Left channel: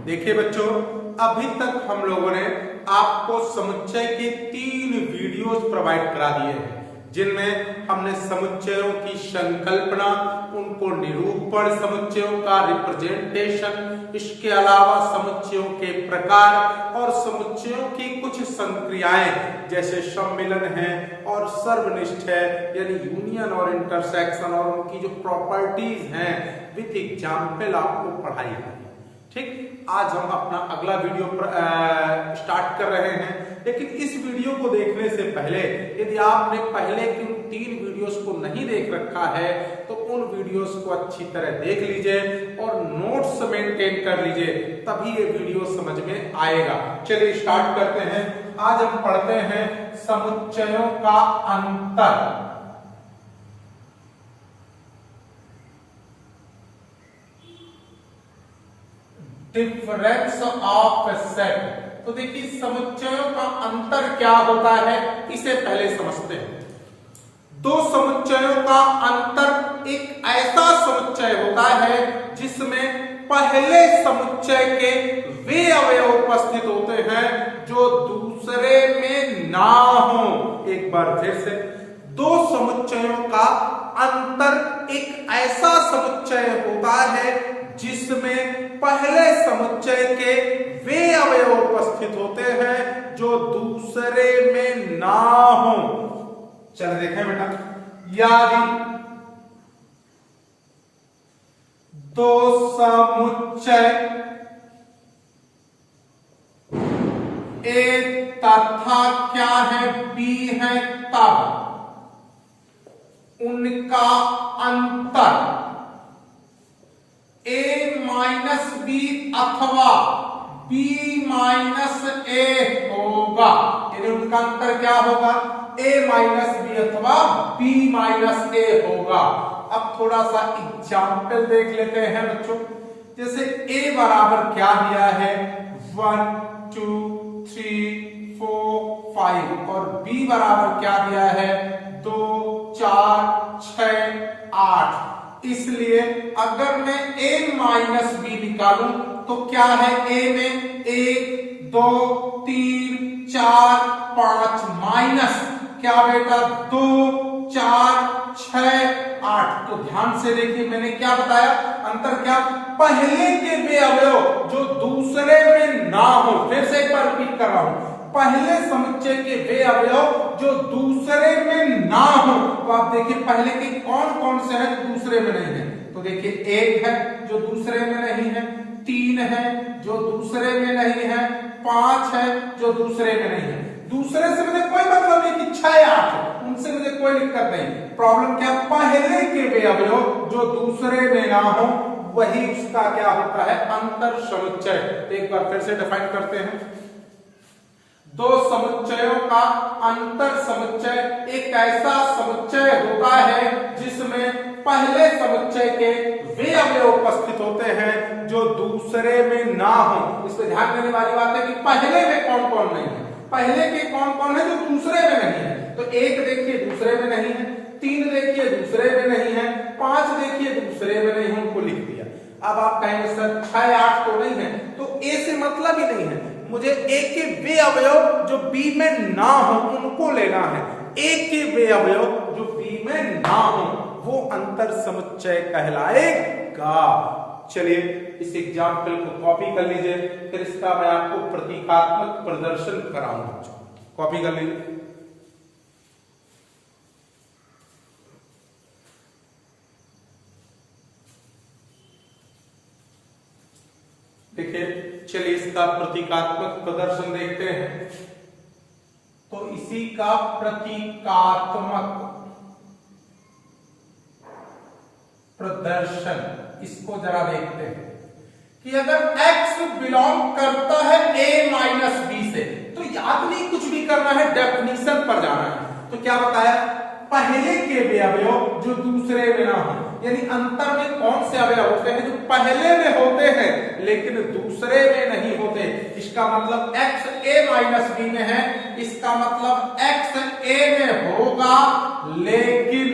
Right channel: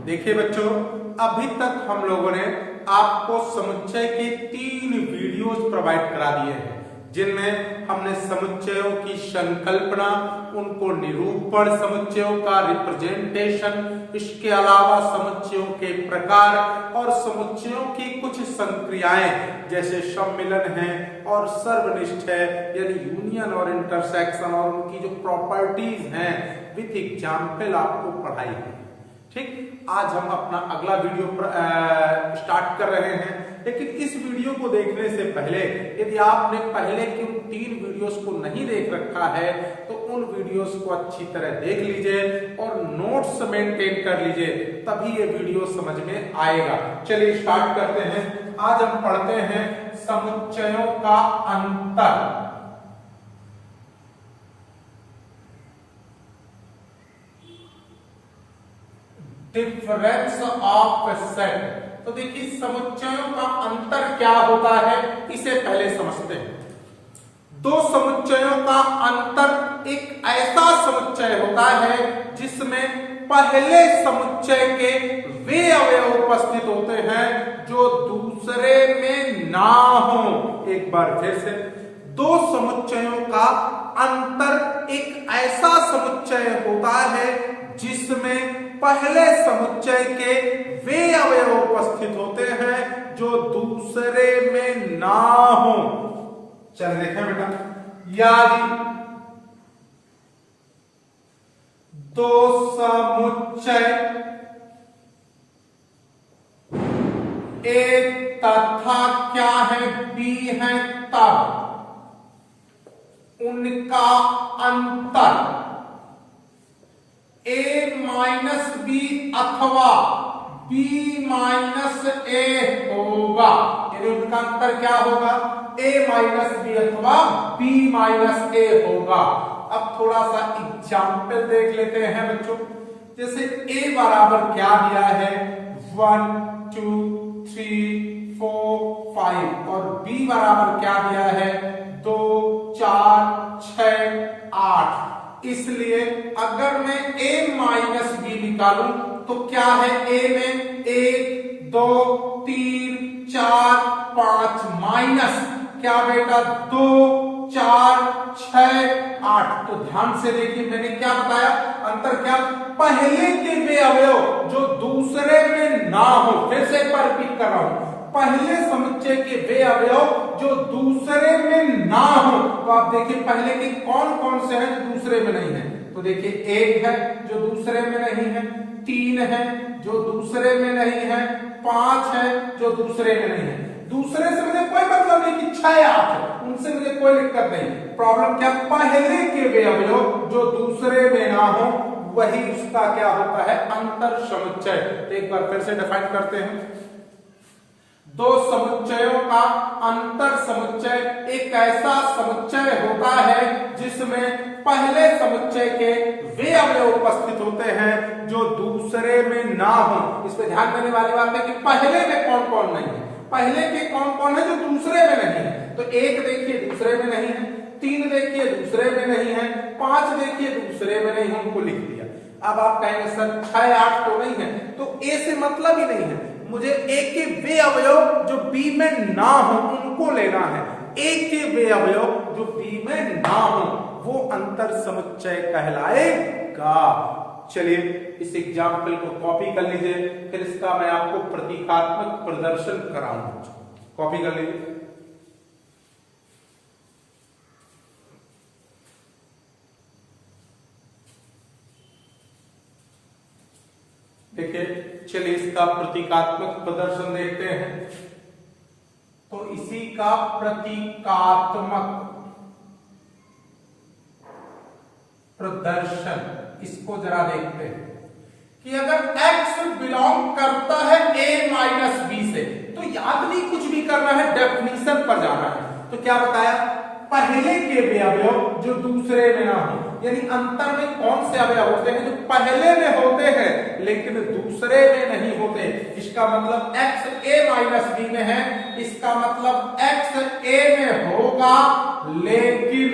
देखिए बच्चों, अभी तक हम लोगों ने आपको समुच्चय के 3 वीडियोस प्रोवाइड करा दिए हैं, जिनमें हमने समुच्चयों की संकल्पना, उनको निरूपण, समुच्चयों का रिप्रेजेंटेशन, इसके अलावा समुच्चयों के प्रकार और समुच्चयों की कुछ संक्रियाएं जैसे सम्मिलन है और सर्वनिष्ठ है, यानी यूनियन और इंटरसेक्शन, और उनकी जो प्रॉपर्टीज हैं विथ एग्जाम्पल आपको पढ़ाई है। ठीक, आज हम अपना अगला वीडियो स्टार्ट कर रहे हैं, लेकिन इस वीडियो को देखने से पहले यदि आपने पहले की उन 3 वीडियोस को नहीं देख रखा है तो उन वीडियोस को अच्छी तरह देख लीजिए और नोट्स मेंटेन कर लीजिए, तभी ये वीडियो समझ में आएगा। चलिए स्टार्ट करते हैं। आज हम पढ़ते हैं समुच्चयों का अंतर। Difference of set. तो देखिए समुच्चयों का अंतर क्या होता है, इसे पहले समझते हैं। दो समुच्चयों का अंतर एक ऐसा समुच्चय होता है जिसमें पहले समुच्चय के वे अवयव उपस्थित होते हैं जो दूसरे में ना हो। एक बार फिर से, दो समुच्चयों का अंतर एक ऐसा समुच्चय होता है जिसमें पहले समुच्चय के वे अवयव उपस्थित होते हैं जो दूसरे में ना हो। चल देखें बेटा, यदि दो समुच्चय ए तथा क्या है बी है, तब उनका अंतर a माइनस बी अथवा b माइनस ए होगा। यानी उनका अंतर क्या होगा, a माइनस बी अथवा b माइनस ए होगा। अब थोड़ा सा एग्जाम्पल देख लेते हैं बच्चों। जैसे a बराबर क्या दिया है, 1 2 3 4 5, और b बराबर क्या दिया है, 2 4 6 8। इसलिए अगर मैं a माइनस बी निकालूं तो क्या है, a में 1 2 3 4 5 माइनस क्या बेटा 2 4 6 8। तो ध्यान से देखिए, मैंने क्या बताया, अंतर क्या, पहले के वे अवयव जो दूसरे में ना हो। फिर से एक बार रिपीट कर रहा हूं, पहले समुच्चय के वे अवयव जो दूसरे में ना हो। तो आप देखिए पहले के कौन कौन से हैं जो दूसरे में नहीं है। तो देखिए 1 है जो दूसरे में नहीं है, 3 है जो दूसरे में नहीं है, 5 है जो दूसरे में नहीं है। दूसरे से मुझे कोई मतलब नहीं कि 6 8 है, उनसे मुझे कोई दिक्कत नहीं। प्रॉब्लम क्या, पहले के वे अवयव जो दूसरे में ना हो वही उसका क्या होता है, अंतर समुच्चय। तो एक बार फिर से डिफाइन करते हैं। दो समुच्चयों का अंतर समुच्चय एक ऐसा समुच्चय होता है जिसमें पहले समुच्चय के वे अवयव उपस्थित होते हैं जो दूसरे में ना हो। इस पर ध्यान देने वाली बात है कि पहले में कौन कौन नहीं है, पहले के कौन कौन है जो दूसरे में नहीं है। तो 1 देखिए दूसरे में नहीं है, 3 देखिए दूसरे में नहीं है, 5 देखिए दूसरे में नहीं है, उनको लिख दिया। अब आप कहेंगे सर 6 8 तो नहीं है, तो ए से मतलब ही नहीं है, मुझे ए के वे अवयव जो बी में ना हो उनको लेना है। ए के वे अवयव जो बी में ना हो वो अंतर समुच्चय कहलाएगा। चलिए इस एग्जाम्पल को कॉपी कर लीजिए, फिर इसका मैं आपको प्रतीकात्मक प्रदर्शन कराऊंगा। कॉपी कर लीजिए। देखिए, चलिए इसका प्रतीकात्मक प्रदर्शन देखते हैं। तो इसी का प्रतीकात्मक प्रदर्शन, इसको जरा देखते हैं कि अगर x बिलोंग करता है a माइनस बी से, तो याद नहीं कुछ भी करना है, डेफिनेशन पर जाना है। तो क्या बताया, पहले के वे अवयव जो दूसरे में ना हो, यानी अंतर में कौन से अवयव होते हैं जो पहले में होते हैं लेकिन दूसरे में नहीं होते। इसका मतलब x a माइनस बी में है, इसका मतलब x a में होगा लेकिन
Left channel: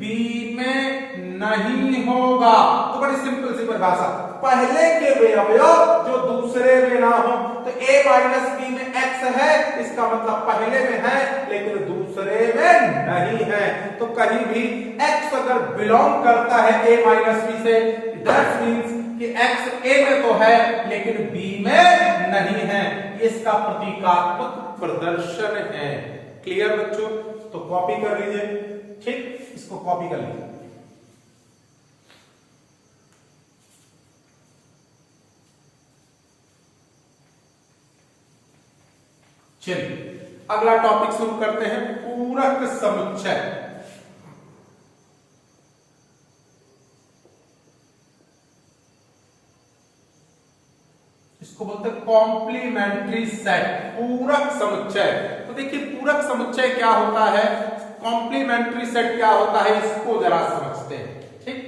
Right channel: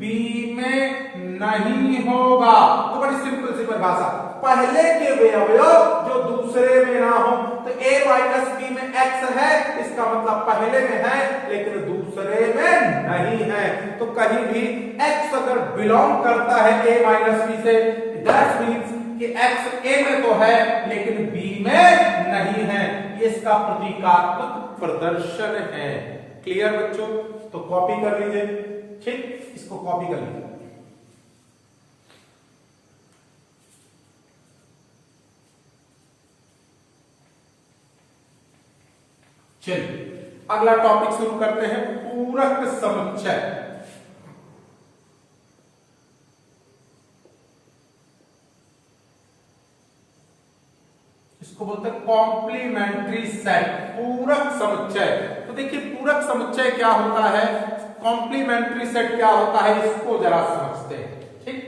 b में नहीं होगा। तो बड़ी सिंपल सी परिभाषा, पहले के वे अवयव जो दूसरे में ना हो। तो a माइनस बी में x है, इसका मतलब पहले में है लेकिन दूसरे में नहीं है। तो कहीं भी x अगर बिलोंग करता है a माइनस बी से, दैट मीन्स कि x a में तो है लेकिन b में नहीं है। इसका प्रतीकात्मक प्रदर्शन है। क्लियर बच्चों? तो कॉपी कर लीजिए, ठीक, इसको कॉपी कर लीजिए। चलिए अगला टॉपिक शुरू करते हैं, पूरक समुच्चय। इसको बोलते हैं कॉम्प्लीमेंट्री सेट, पूरक समुच्चय। तो देखिए पूरक समुच्चय क्या होता है, कॉम्प्लीमेंट्री सेट क्या होता है, इसको जरा समझते हैं। ठीक,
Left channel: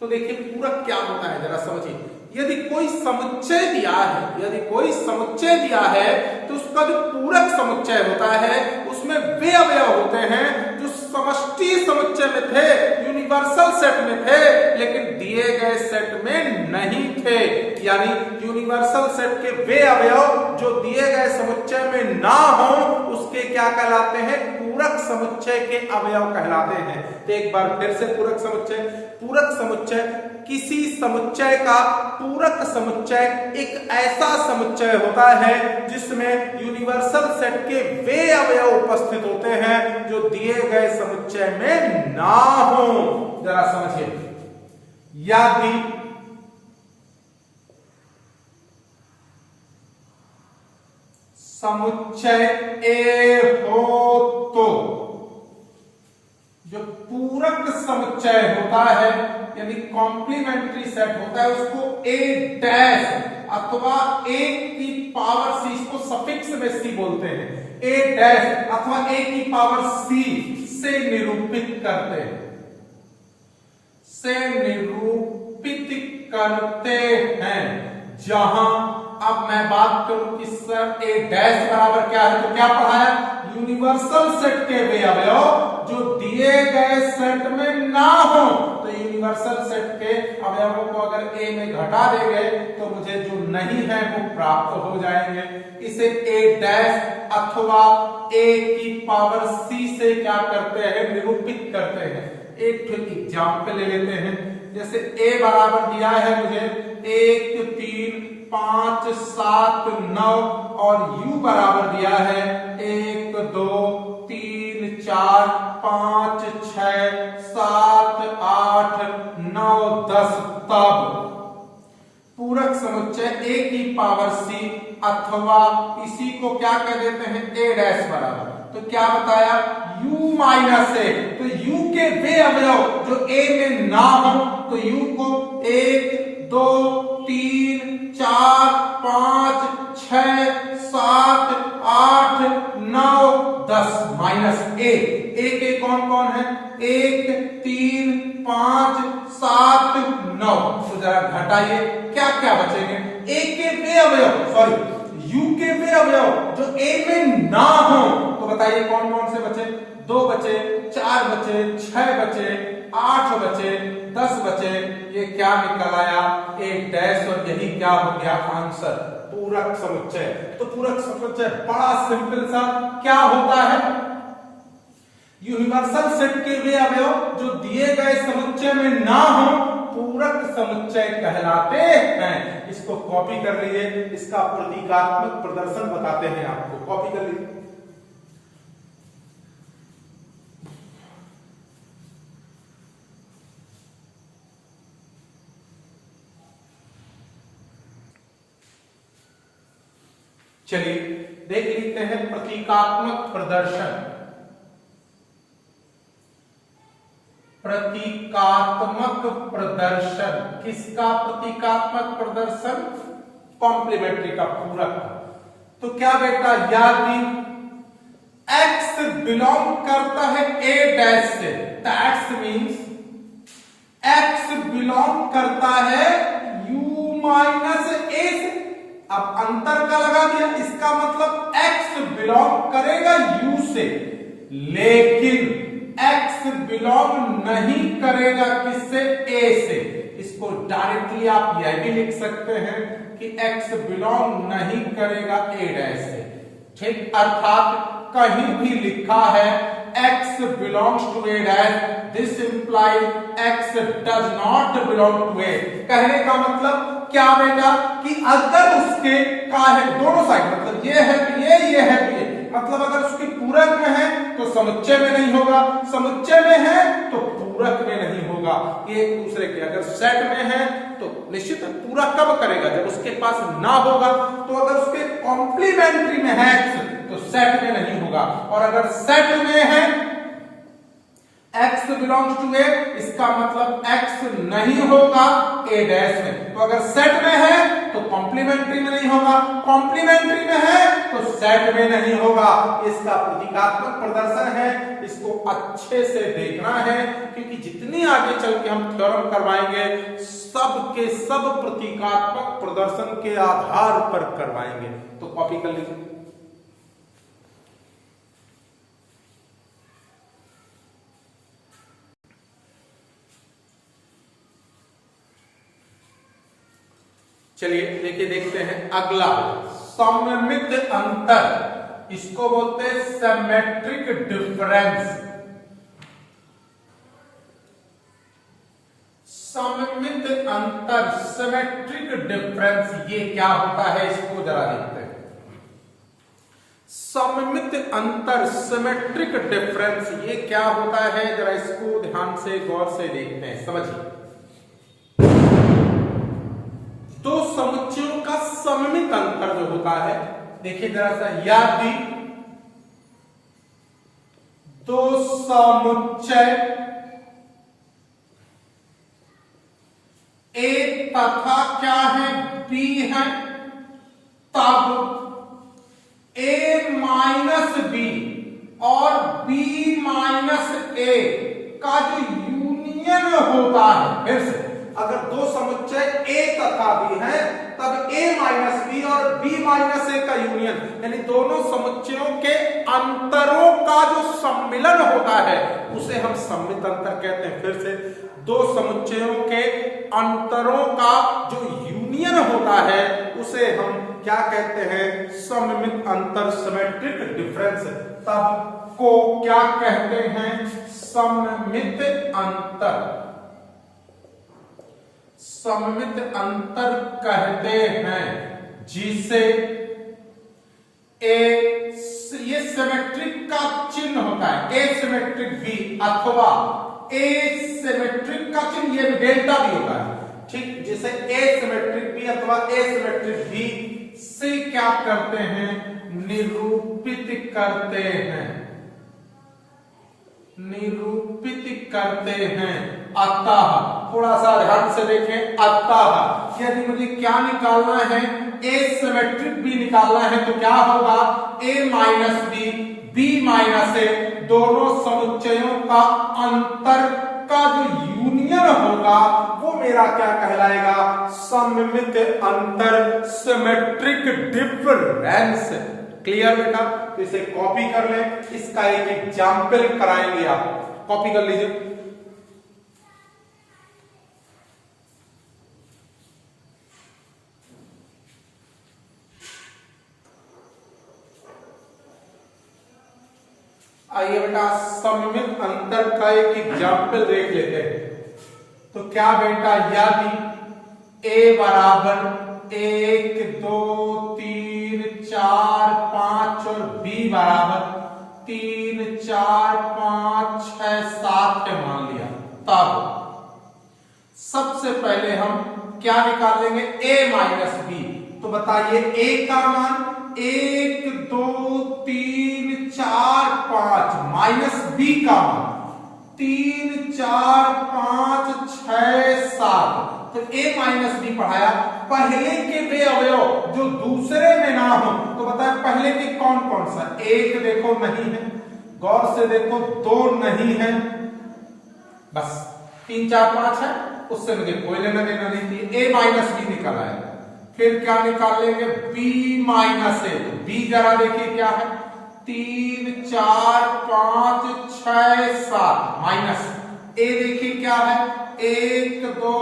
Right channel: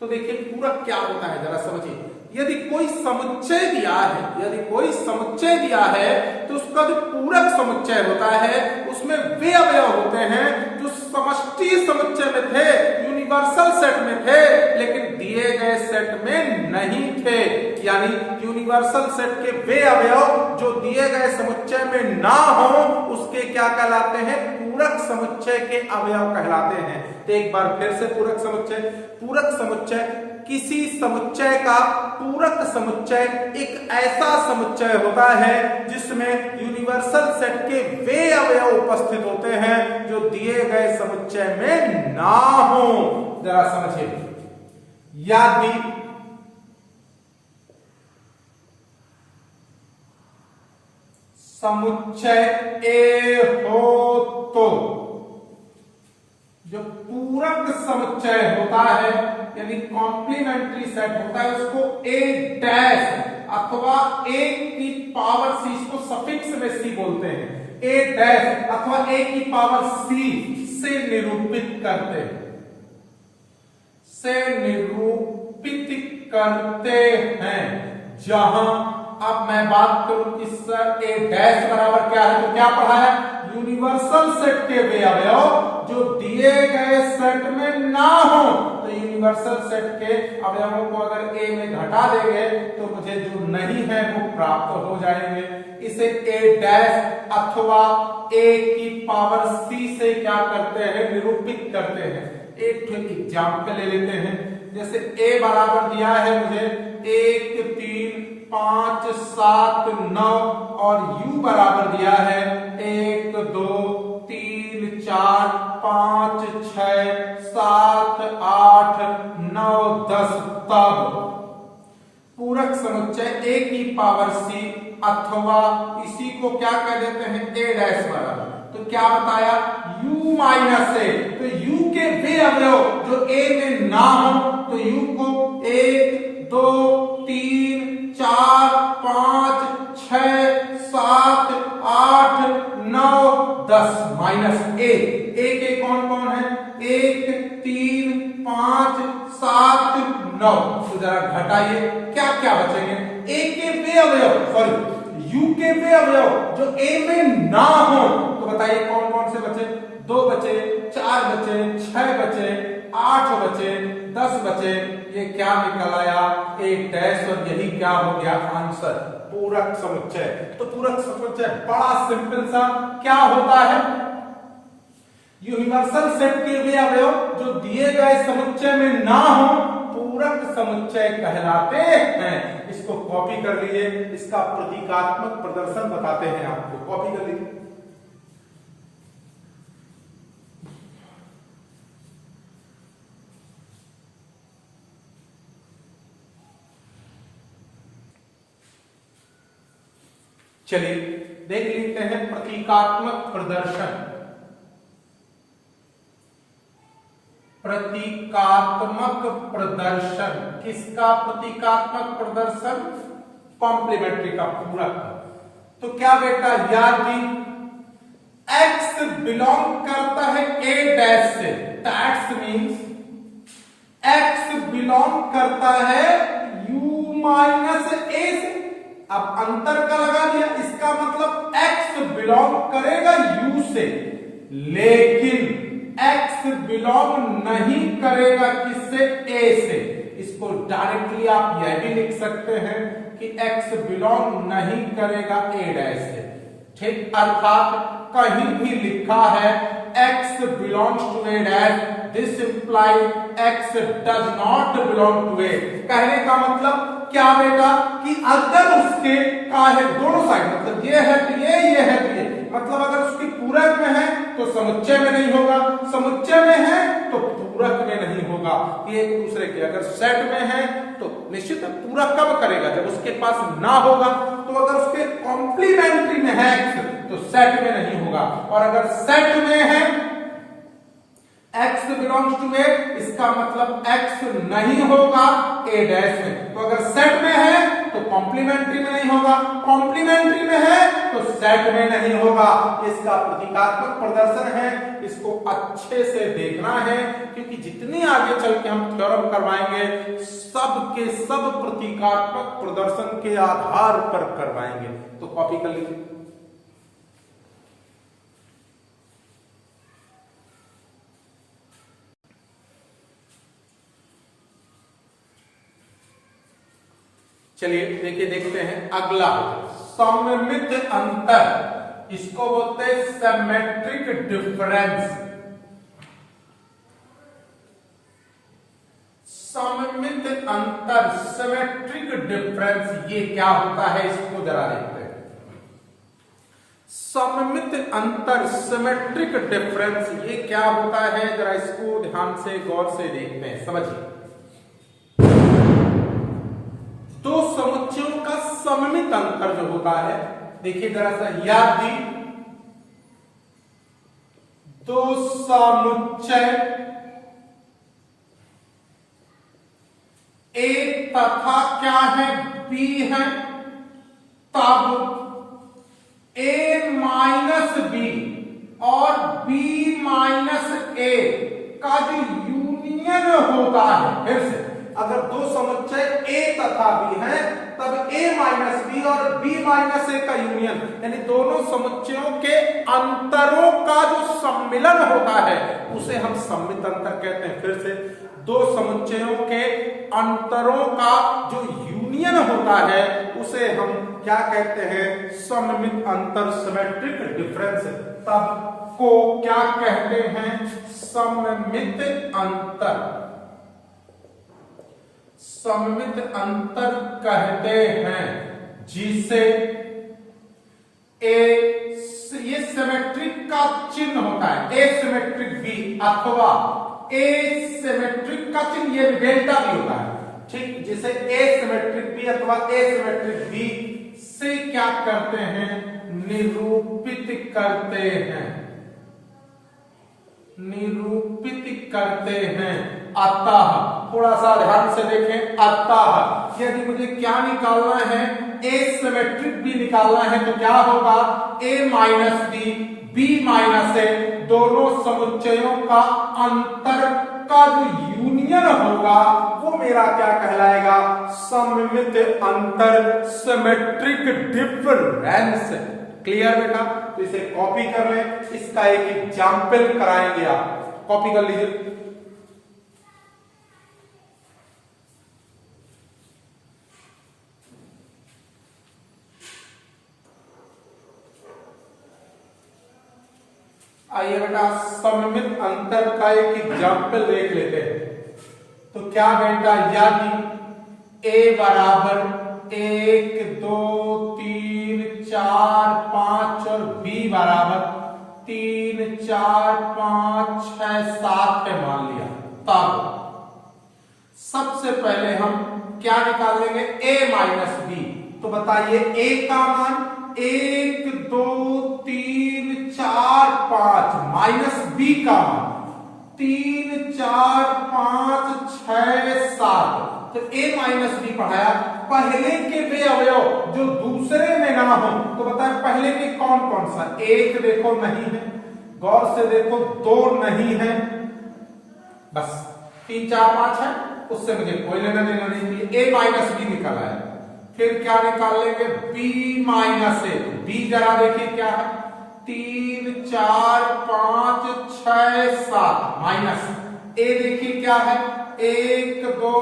तो देखिए पूरक क्या होता है जरा समझिए। यदि कोई समुच्चय दिया है, यदि कोई समुच्चय दिया है तो उसका जो पूरक समुच्चय होता है उसमें वे अवयव होते हैं जो समष्टि समुच्चय में थे, यूनिवर्सल सेट में थे, लेकिन दिए गए सेट में नहीं थे। यानी यूनिवर्सल सेट के वे अवयव जो दिए गए समुच्चय में ना हो उसके क्या कहलाते हैं, पूरक समुच्चय के अवयव कहलाते हैं। तो एक बार फिर से पूरक समुच्चय, पूरक समुच्चय किसी समुच्चय का पूरक समुच्चय एक ऐसा समुच्चय होता है जिसमें यूनिवर्सल सेट के वे अवयव उपस्थित होते हैं जो दिए गए समुच्चय में ना हो। जरा समझिए, यदि समुच्चय ए हो तो जो पूरक समुच्चय होता है यानी कॉम्प्लीमेंट्री सेट होता है उसको ए डैश अथवा ए की पावर सी, इसको सफिक्स में सी बोलते हैं, ए डैश अथवा ए की पावर सी से निरूपित करते हैं, से निरूपित करते हैं। जहां अब मैं बात करूं कि सर ए डैश बराबर क्या है, तो क्या पढ़ाया, यूनिवर्सल सेट के वे अवयव जो दिए गए सेट में ना हो। तो यूनिवर्सल सेट के अवयवों को अगर ए में घटा देंगे तो मुझे जो नहीं है वो प्राप्त हो जाएंगे। इसे ए डैश अथवा ए की पावर सी से क्या करते हैं, निरूपित करते हैं। एक एग्जाम्पल ले लेते हैं, जैसे ए बराबर दिया है मुझे 1 3 5 7 9 और u बराबर दिया है 1 2 3 4 5 6 7 8 9 10। तब पूरक समुच्चय ए की पावर सी अथवा इसी को क्या कह देते हैं, ए डैश बराबर, तो क्या बताया, u माइनस ए। तो u के वे अवयव जो a में ना हो तो u को 1 2 3 4 5 6 7 8 9 10 माइनस ए। ए के कौन कौन है, 1 3 5 7 9। तो जरा घटाइए, क्या क्या बचेंगे, ए के वे अवयव, सॉरी u के वे अवयव जो a में ना हो तो बताइए कौन कौन से बचे, 2 बचे, 4 बचे, 6 बचे, 8 बचे, 10 बचे। ये क्या निकल आया, एक डैश, और यही क्या हो गया आंसर, पूरक समुच्चय। तो पूरक समुच्चय बड़ा सिंपल सा क्या होता है, यूनिवर्सल सेट के वे अवयव जो दिए गए समुच्चय में ना हो पूरक समुच्चय कहलाते हैं। इसको कॉपी कर लीजिए, इसका प्रतीकात्मक प्रदर्शन बताते हैं आपको, कॉपी कर लीजिए। चलिए देख लेते हैं प्रतीकात्मक प्रदर्शन। प्रतीकात्मक प्रदर्शन किसका, प्रतीकात्मक प्रदर्शन कॉम्प्लीमेंट्री का, पूरक। तो क्या बेटा, यदि x बिलोंग करता है a डैश से, दैट्स मींस x बिलोंग करता है u माइनस a से। अब अंतर का लगा दिया, इसका मतलब x बिलोंग करेगा u से, लेकिन x बिलोंग नहीं करेगा किससे, a से। इसको डायरेक्टली आप यह भी लिख सकते हैं, कि x बिलोंग नहीं करेगा a डैश से, ठीक। अर्थात कहीं भी लिखा है x belongs to a dash, this implies x does not belong to a। कहने का मतलब क्या बेटा कि अगर उसके का है दोनों साइड, मतलब ये है ये है ये, मतलब अगर उसकी पूरक में है तो समुच्चय में नहीं होगा, समुच्चय में है तो पूरक में नहीं होगा, ये एक दूसरे के। अगर सेट में है तो निश्चित पूरक कब करेगा, जब उसके पास ना होगा। तो अगर उसके कॉम्प्लीमेंट्री में है तो सेट में नहीं होगा, और अगर सेट में है x बिलोंग्स टू a, इसका मतलब x नहीं होगा a डैश में। तो अगर सेट में है तो कॉम्प्लीमेंट्री में नहीं होगा, कॉम्प्लीमेंट्री में है तो सेट में नहीं होगा। इसका प्रतीकात्मक प्रदर्शन है, इसको अच्छे से देखना है, क्योंकि जितनी आगे चल के हम थ्योरम करवाएंगे सब के सब प्रतीकात्मक प्रदर्शन के आधार पर करवाएंगे। तो कॉपी कर लीजिए। चलिए देखिए, देखते हैं अगला सममित अंतर, इसको बोलते हैं सिमेट्रिक डिफरेंस। सममित अंतर, सिमेट्रिक डिफरेंस, ये क्या होता है इसको जरा देखते हैं। सममित अंतर, सिमेट्रिक डिफरेंस, ये क्या होता है, जरा इसको ध्यान से गौर से देखते हैं, समझिए। दो समुच्चयों का सममित अंतर जो होता है, देखिए जरा सा याद दी, दो समुच्चय A तथा क्या है B है, तब A माइनस B और B माइनस A का जो यूनियन होता है, फिर से अगर दो समुच्चय A तथा B हैं तब A माइनस B और B माइनस A का यूनियन, यानी दोनों समुच्चयों के अंतरों का जो सम्मिलन होता है उसे हम सममित अंतर कहते हैं। फिर से, दो समुच्चयों के अंतरों का जो यूनियन होता है उसे हम क्या कहते हैं, सममित अंतर, सिमेट्रिक डिफरेंस। तब को क्या कहते हैं, सममित अंतर, सममित अंतर कहते हैं, जिसे ये सिमेट्रिक का चिन्ह होता है, एसिमेट्रिक भी अथवा एसिमेट्रिक का चिन्ह ये डेल्टा भी होता है, ठीक। जिसे एसिमेट्रिक भी अथवा एसिमेट्रिक भी से क्या करते हैं, निरूपित करते हैं, निरूपित करते हैं। अतः, थोड़ा सा ध्यान से देखें, अतः यदि मुझे क्या निकालना है, एसिमेट्रिक भी निकालना है, तो क्या होगा, A minus B, B minus A, दोनों समुच्चयों का अंतर का जो यूनियन होगा वो मेरा क्या कहलाएगा, सममित अंतर, सिमेट्रिक डिफरेंस। क्लियर बेटा? तो इसे कॉपी कर ले, इसका एक एग्जाम्पल कराएंगे आप, कॉपी कर लीजिए। आइए बेटा, सममित अंतर का एक एग्जाम्पल देख लेते हैं। तो क्या बेटा, यदि A बराबर 1 2 3 4 5 और B बराबर 3 4 5 6 7 है मान लिया, तब सबसे पहले हम क्या निकाल लेंगे, A माइनस B। तो बताइए A का मान 1 2 3 4 5 माइनस B का मान 3 4 5 6 7। तो A माइनस B पढ़ाया, पहले के वे अवयव जो दूसरे में ना हो, तो बताए पहले के कौन कौन सा, 1 देखो नहीं है, गौर से देखो 2 नहीं है, बस 3 4 5 है, उससे मुझे कोई लेना देना नहीं। A माइनस B निकल आया। फिर क्या निकाल लेंगे, B माइनस A। B जरा देखिए क्या है, 3 4 5 6 7 माइनस ए देखिए क्या है, 1 2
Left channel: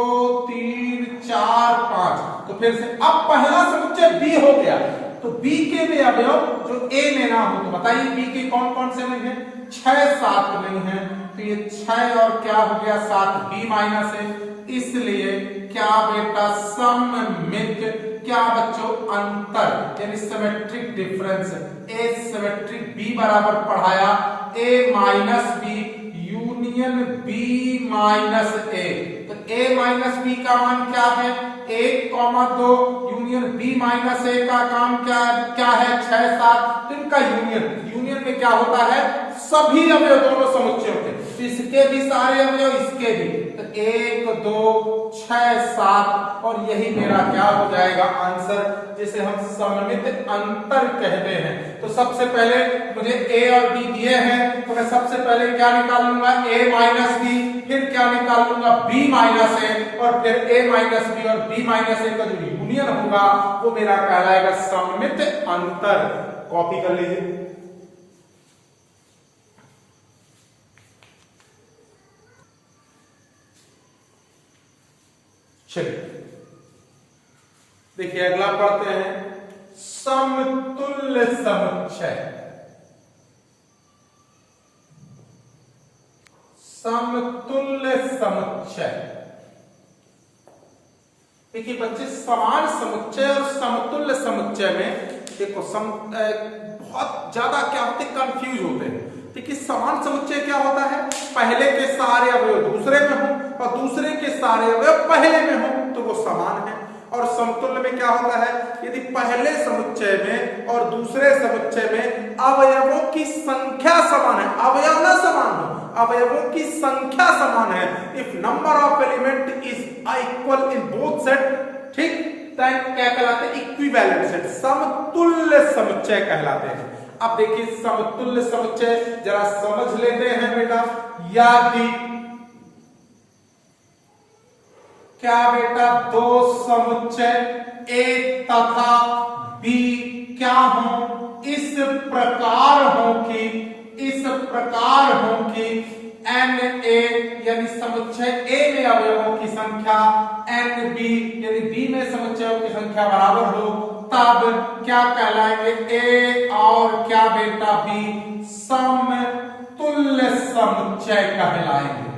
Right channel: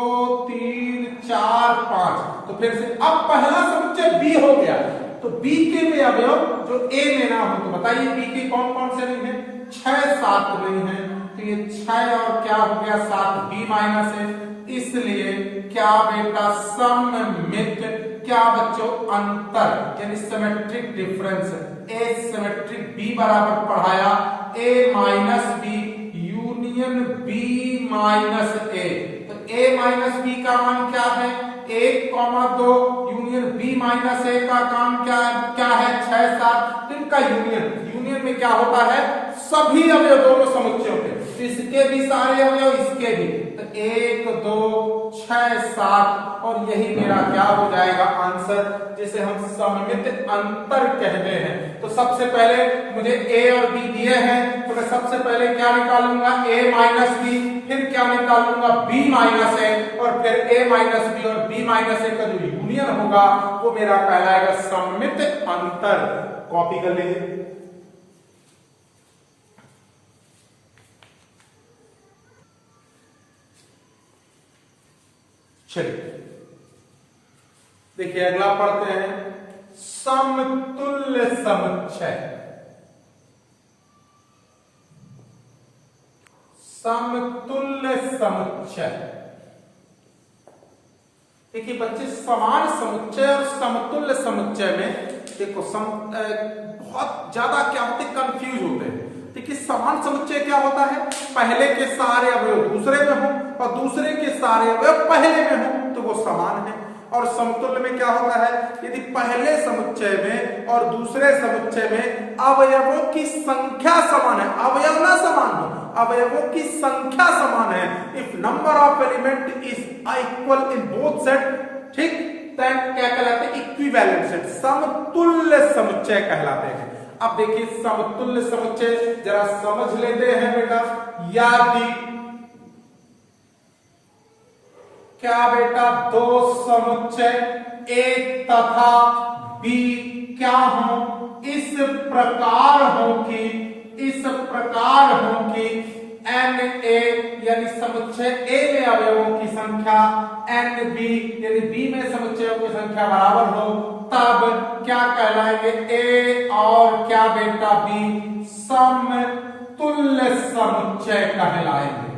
3 4 5। तो फिर से अब पहला समुच्चय बी हो गया, तो बी के में अवयव जो ए में ना हो, तो बताइए बी के कौन कौन से नहीं है, 6 7 नहीं है, तो ये 6 और क्या हो गया 7 बी माइनस है। इसलिए क्या बेटा सममित, क्या बच्चों अंतर यानी symmetric difference, A symmetric B बराबर पढ़ाया A minus B union B minus A. तो ए माइनस बी का मान क्या है 1,2 यूनियन बी माइनस ए का काम क्या है 6 7। इनका यूनियन में क्या होता है सभी अवयव दोनों समुच्चयों के, इसके भी सारे अवयव इसके भी, तो 1 2 6 7 और यही मेरा क्या हो जाएगा आंसर, जिसे हम सममित अंतर कहते हैं। तो सबसे पहले मुझे ए और बी दिए हैं, तो मैं सबसे पहले क्या निकालूंगा ए माइनस बी, फिर क्या निकालूंगा बी माइनस ए, और फिर ए माइनस बी और बी माइनस ए का जो यूनियन होगा वो मेरा कहलाएगा सममित अंतर। कॉपी कर लीजिए। चलिए देखिए अगला पढ़ते हैं समतुल्य समुच्चय। समतुल्य समुच्चय, देखिए बच्चे समान समुच्चय और समतुल्य समुच्चय में देखो बहुत ज्यादा क्या होते कंफ्यूज होते हैं। देखिए समान समुच्चय क्या होता है, पहले के सारे अवयव दूसरे में हो और दूसरे के सारे अवयव पहले में हो तो वो समान है। और समतुल्य में क्या होता है, यदि पहले समुच्चय में और दूसरे समुच्चय में अवयवों की संख्या समान है, अवयव ना समान हो, अवयवों की संख्या समान है, if number of element is equal in both set, ठीक, देन क्या कहलाते हैं इक्विवेलेंट सेट, समतुल्य समुच्चय कहलाते हैं। अब देखिए समतुल्य समुच्चय जरा समझ लेते हैं बेटा। यदि क्या बेटा दो समुच्चय ए तथा बी क्या हो, इस प्रकार हो कि एन ए यानी समुच्चय ए में अवयवों की संख्या एन बी यानी बी में समुच्चयों की संख्या बराबर हो, तब क्या कहलाएंगे ए और क्या बेटा बी समतुल्य समुच्चय कहलाएंगे।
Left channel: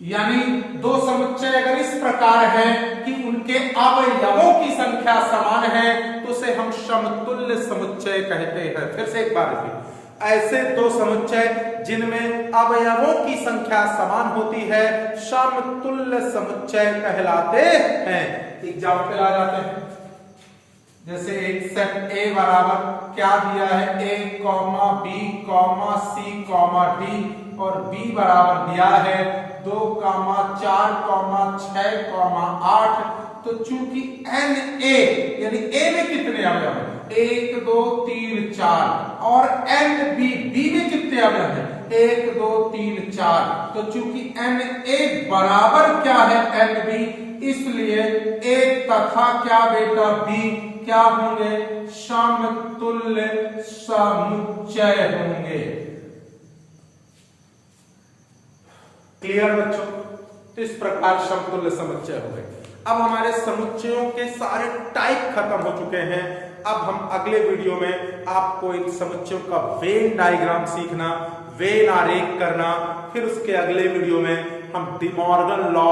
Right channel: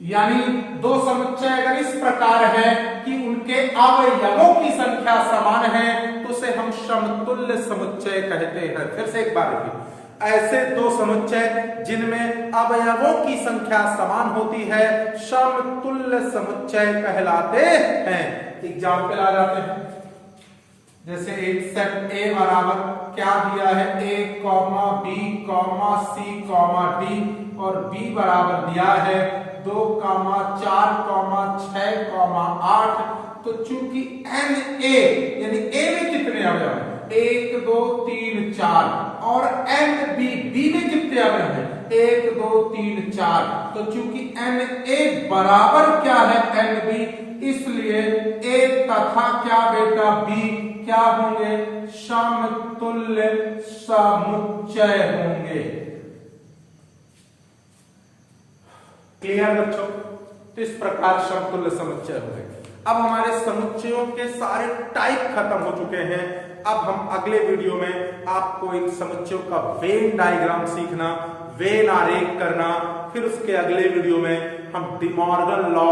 यानी दो समुच्चय अगर इस प्रकार है कि उनके अवयवों की संख्या समान है तो उसे हम समतुल्य समुच्चय कहते हैं। फिर से एक बार देखिए, ऐसे दो समुच्चय जिनमें अवयवों की संख्या समान होती है समतुल्य समुच्चय कहलाते हैं। एग्जाम्पल आ जाते हैं, जैसे एक सेट ए बराबर क्या दिया है ए comma B comma C comma D और बी बराबर दिया है 2 4 6 8। तो चूंकि एन ए यानी ए में कितने अवयव है 1 2 3 4 और एन बी बी में कितने अवयव है 1 2 3 4। तो चूंकि एन ए बराबर क्या है एन बी, इसलिए ए तथा क्या बेटा बी क्या होंगे समतुल्य समुच्चय होंगे। क्लियर बच्चों? तो इस प्रकार समतुल्य समुच्चय हो गए। अब हमारे समुच्चयों के सारे टाइप खत्म हो चुके हैं। अब हम अगले वीडियो में आपको इन समुच्चयों का वेन डायग्राम सीखना, वेन आरेख करना, फिर उसके अगले वीडियो में हम डी मॉर्गन लॉ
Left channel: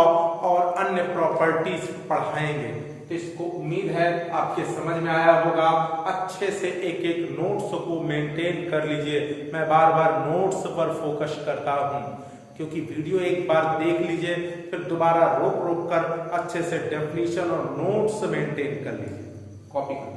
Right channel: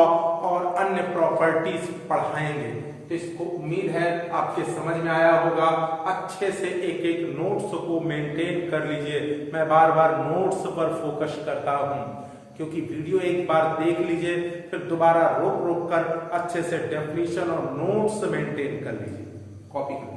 और अन्य प्रॉपर्टीज पढ़ाएंगे। तो इसको उम्मीद है आपके समझ में आया होगा। अच्छे से एक एक नोट्स को मेंटेन कर लीजिए। मैं बार बार नोट्स पर फोकस करता हूं क्योंकि वीडियो एक बार देख लीजिए फिर दोबारा रोक कर अच्छे से डेफिनेशन और नोट्स मेंटेन कर लीजिए। कॉपी करिए।